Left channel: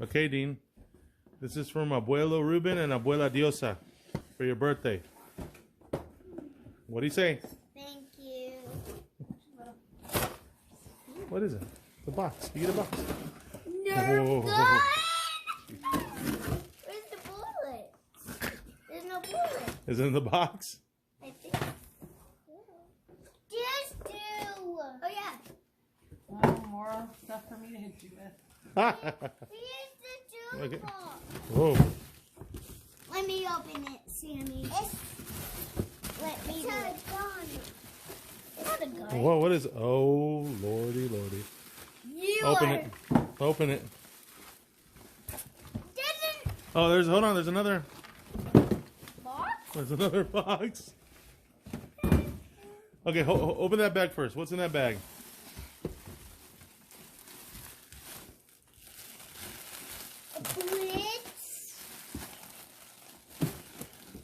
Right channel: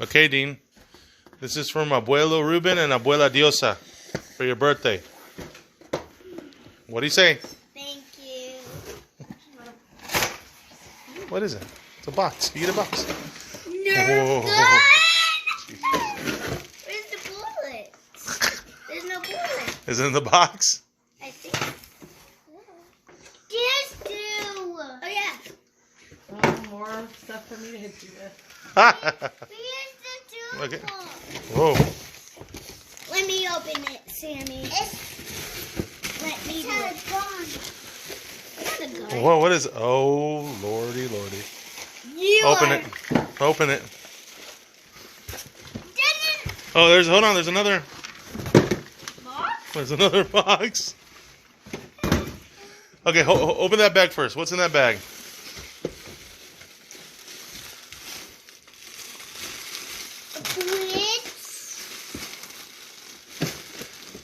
Okay, Dean. This is from Abuelo Ruben and Abuela Diosa for your birthday. What do you say? Thank you. What is it? It's a box. You get a box. Nerf gun! Where's the bullet? There's no bullet. Is it in the box? I think. There's two. Oh yeah. Oh, more stuff for me to hit you with. Here's the two. Okay. Whoa. Let me open it, Sammy. Let me do it. It's a gun. Whoa, what is it? Oh, lordy, lordy. Open it. Open it. Oh, hold on, there's another. Box? There's another box. Okay, open that bag first. What's in that bag?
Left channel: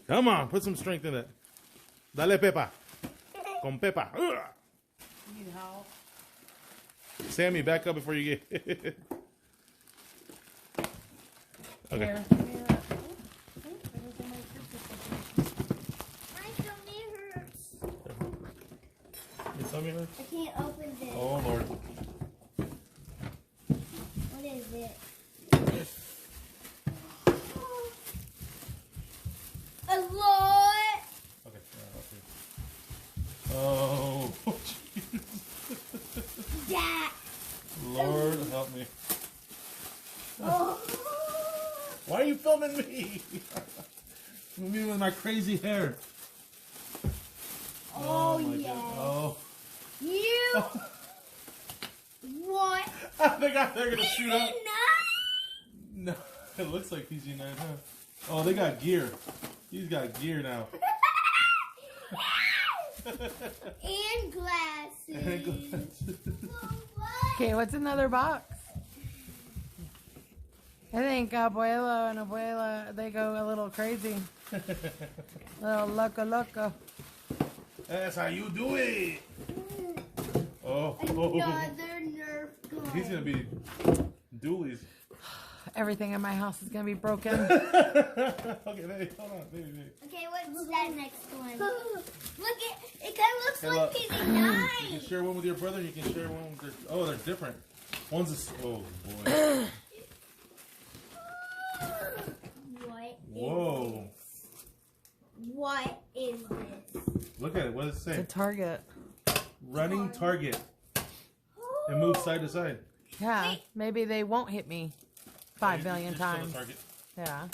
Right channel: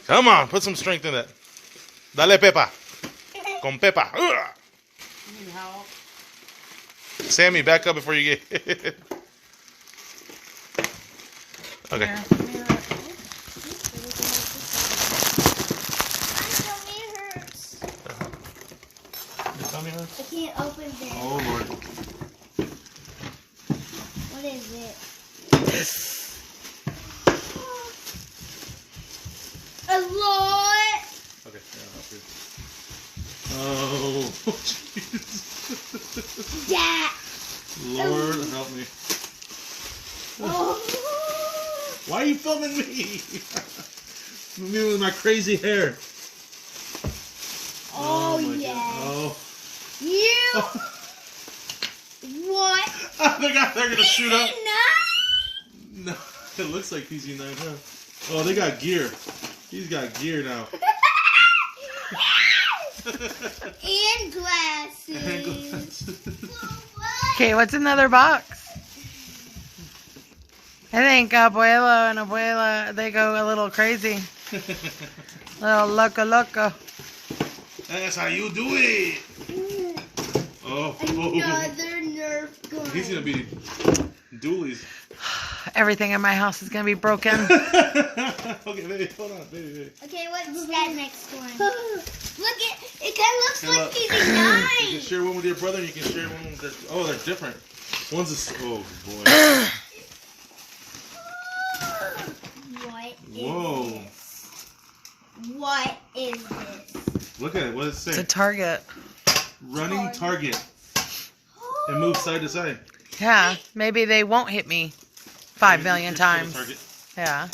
Come on, put some strength in it. Dale, Pepa. Con Pepa. You need help? Sammy, back up before you get hit. Okay. Here, give me that. Your tummy hurts? I can't open this. Oh, Lord. What is it? A lot. Okay, yeah, up here. Oh, jeez. Yeah. Lord, help me. Oh. Why are you filming me? Me with my crazy hair. Oh, my yeah. God. Oh. You. What? They're gonna shoot up. Nine? No, it looks like PZ9, huh? Oh, they got gear. He's got gear now. And glasses. Okay, what's in the other box? I think Abuelo and Abuela, they go a little crazy. Little loco. That's how you do it. Oh. Another Nerf gun. He's gonna be doolies. Everything in my house is going to be broken. Okay, baby, hold on, baby. Okay, what's that next one? Look, it kind of looks Hey, like look. these You can nine. share one with your brother, and you can share one with their... Oh, they're different. One's a... Oh, boy. What is Whoa. this? What is this? Look at it. What does it It's say? a target. Running target. And move side to side. Yeah, maybe they won't hit me 5 million It's still a times. target. Yeah.